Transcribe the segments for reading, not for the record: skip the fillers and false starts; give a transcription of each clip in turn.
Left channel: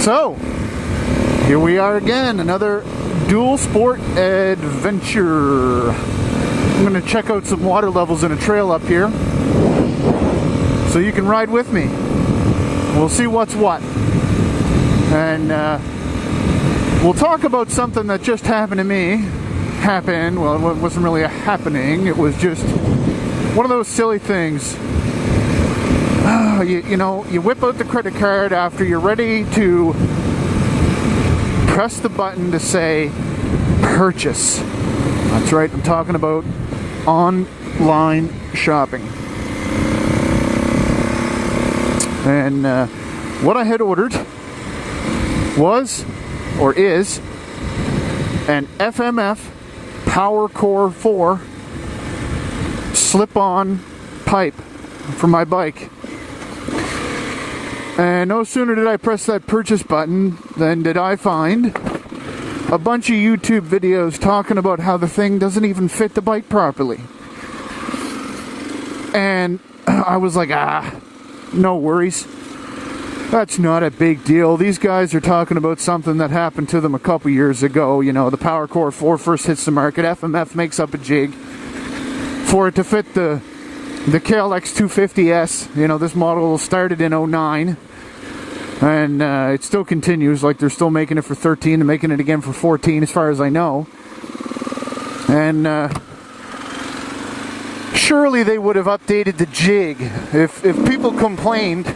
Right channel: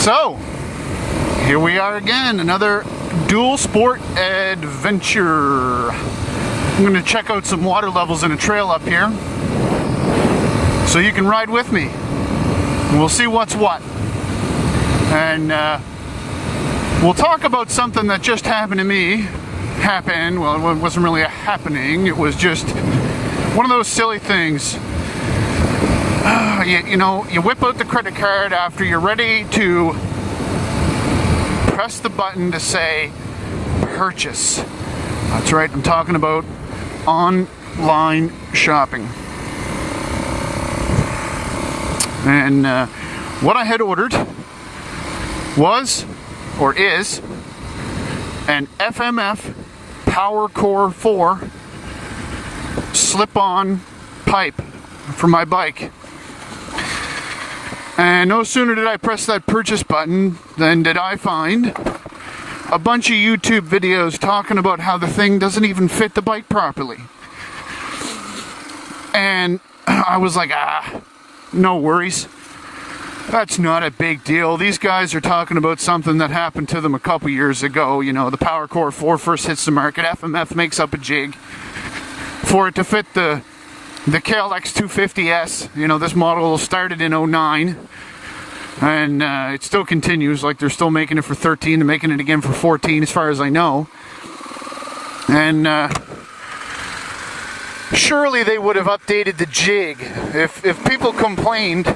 So, here we are again, another Dualsport adventure. I'm going to check out some water levels in a trail up here, so you can ride with me. We'll see what's what. And we'll talk about something that just happened to me. Well, it wasn't really a happening, it was just one of those silly things. You whip out the credit card after you're ready to press the button to say purchase. That's right, I'm talking about online shopping. And what I had ordered was, or is, an FMF Power Core 4 slip-on pipe for my bike. And no sooner did I press that purchase button than did I find a bunch of YouTube videos talking about how the thing doesn't even fit the bike properly. And I was like, no worries. That's not a big deal. These guys are talking about something that happened to them a couple years ago. You know, the Power Core 4 first hits the market. FMF makes up a jig for it to fit the KLX 250S. You know, this model started in 09. And it still continues. Like, they're still making it for 13 and making it again for 14 as far as I know. And surely they would have updated the jig. If people complained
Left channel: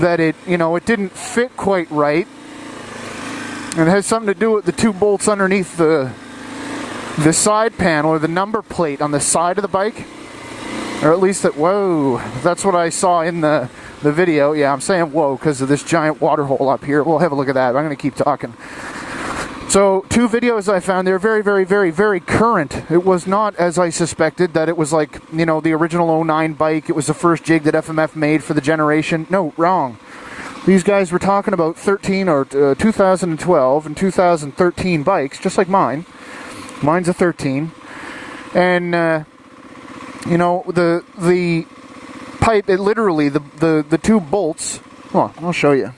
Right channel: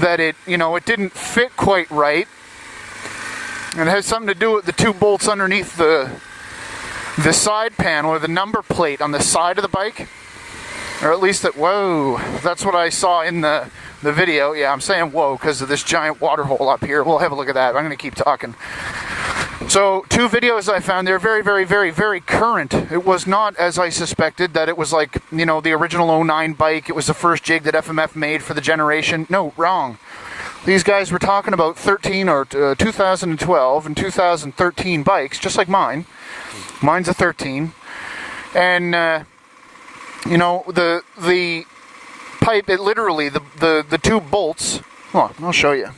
that it didn't fit quite right, and it has something to do with the two bolts underneath the side panel or the number plate on the side of the bike, or at least whoa, that's what I saw in the video. Yeah, I'm saying whoa because of this giant water hole up here. We'll have a look at that. I'm going to keep talking. So, two videos I found, they're very, very, very, very current. It was not, as I suspected, that it was like, the original 09 bike. It was the first jig that FMF made for the generation. No, wrong. These guys were talking about 2012 and 2013 bikes, just like mine. Mine's a 13. And, the pipe, it literally, the two bolts, I'll show you.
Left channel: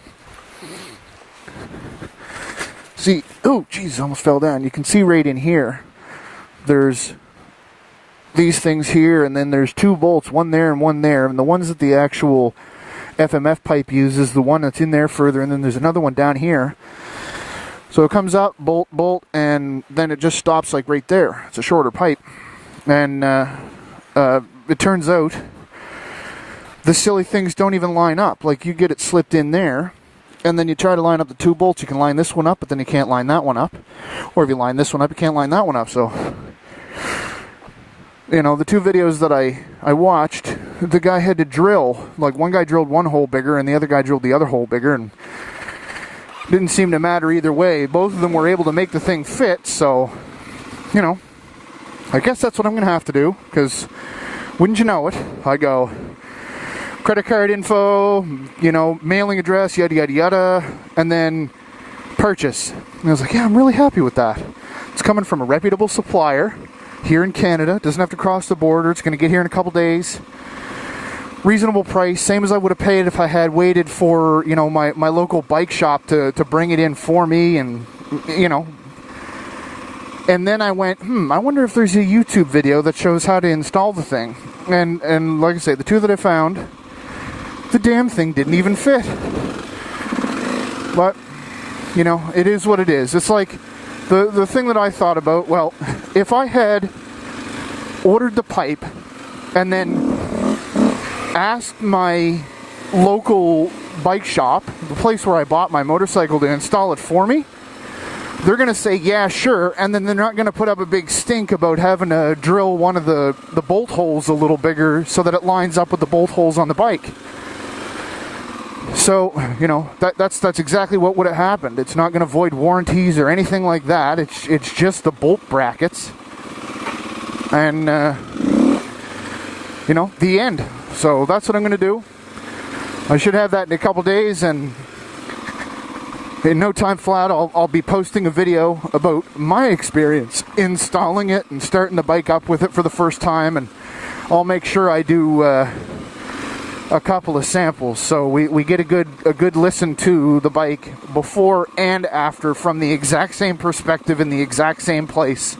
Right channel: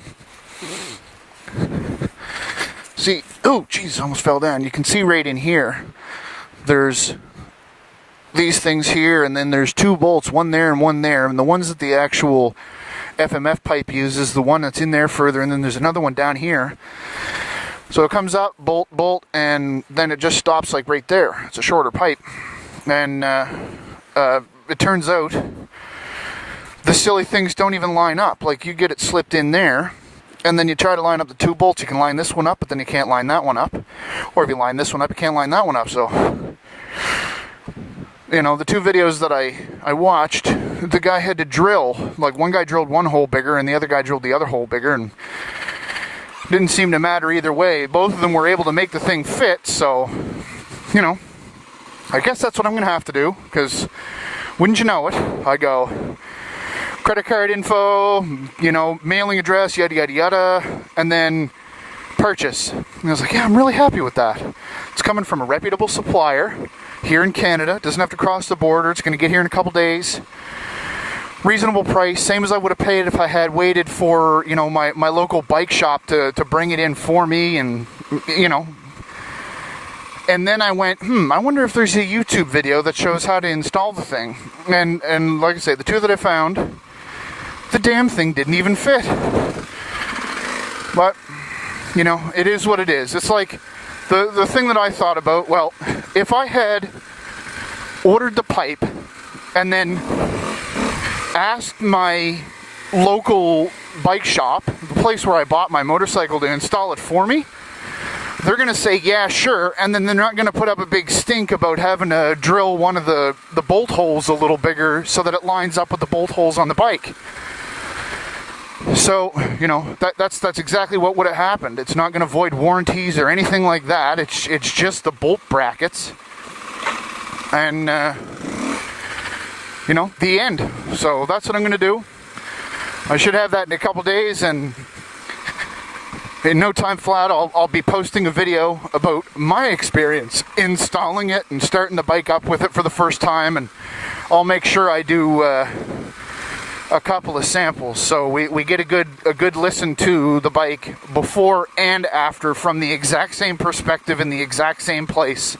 See, oh, jeez, almost fell down. You can see right in here, there's these things here, and then there's two bolts, one there and one there. And the ones that the actual FMF pipe uses, the one that's in there further, and then there's another one down here. So it comes up, bolt, bolt, and then it just stops like right there. It's a shorter pipe. And it turns out the silly things don't even line up. Like, you get it slipped in there, and then you try to line up the two bolts. You can line this one up, but then you can't line that one up. Or if you line this one up, you can't line that one up. So, the two videos that I watched, the guy had to drill. Like, one guy drilled one hole bigger, and the other guy drilled the other hole bigger, and it didn't seem to matter either way. Both of them were able to make the thing fit, so, I guess that's what I'm going to have to do, because wouldn't you know it, I go credit card info, mailing address, yada, yada, yada, and then purchase. And I was like, yeah, I'm really happy with that. It's coming from a reputable supplier here in Canada. Doesn't have to cross the border. It's going to get here in a couple days. Reasonable price, same as I would have paid if I had waited for, my local bike shop to bring it in for me, and, And then I went, I wonder if there's a YouTube video that shows how to install the thing. And like I say, the two that I found, the damn thing didn't even fit. But, it is what it is. It's like the thing that I thought about, well, if I had ordered the pipe and then asked my local bike shop, the place where I bought my motorcycle, to install it for me, they're going to say, yeah, sure, and then they're not going to put up a big stink about having to drill one of the bolt holes a little bigger so that it lines up with the bolt holes on the bike. So, that's exactly what would have happened. It's not going to void warranties or anything like that. It's just the bolt brackets. And, the end. So that's what I'm going to do. I should have that in a couple days, and in no time flat, I'll be posting a video about my experience installing it and starting the bike up with it for the first time, and I'll make sure I do a couple of samples so we get a good a good listen to the bike before and after from the exact same perspective in the exact same place,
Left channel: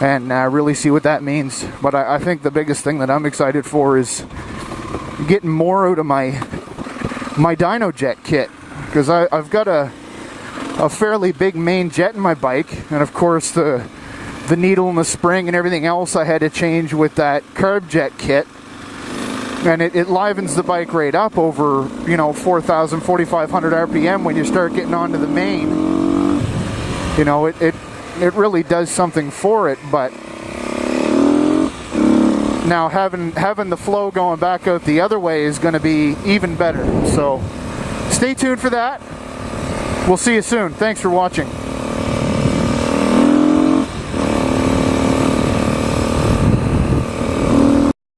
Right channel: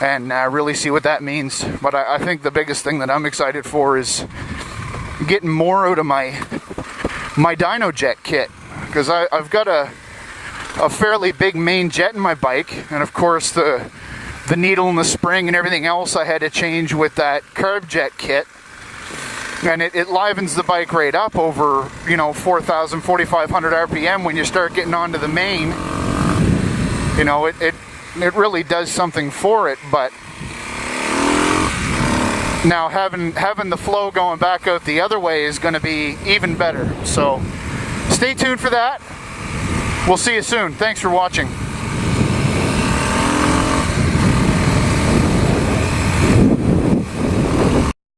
and really see what that means. But I think the biggest thing that I'm excited for is getting more out of my dyno jet kit, because I've got a fairly big main jet in my bike, and of course the needle and the spring and everything else I had to change with that carb jet kit, and it livens the bike right up over 4,000, 4,500 RPM when you start getting onto the main. It really does something for it. But now having the flow going back out the other way is going to be even better. So stay tuned for that. We'll see you soon. Thanks for watching.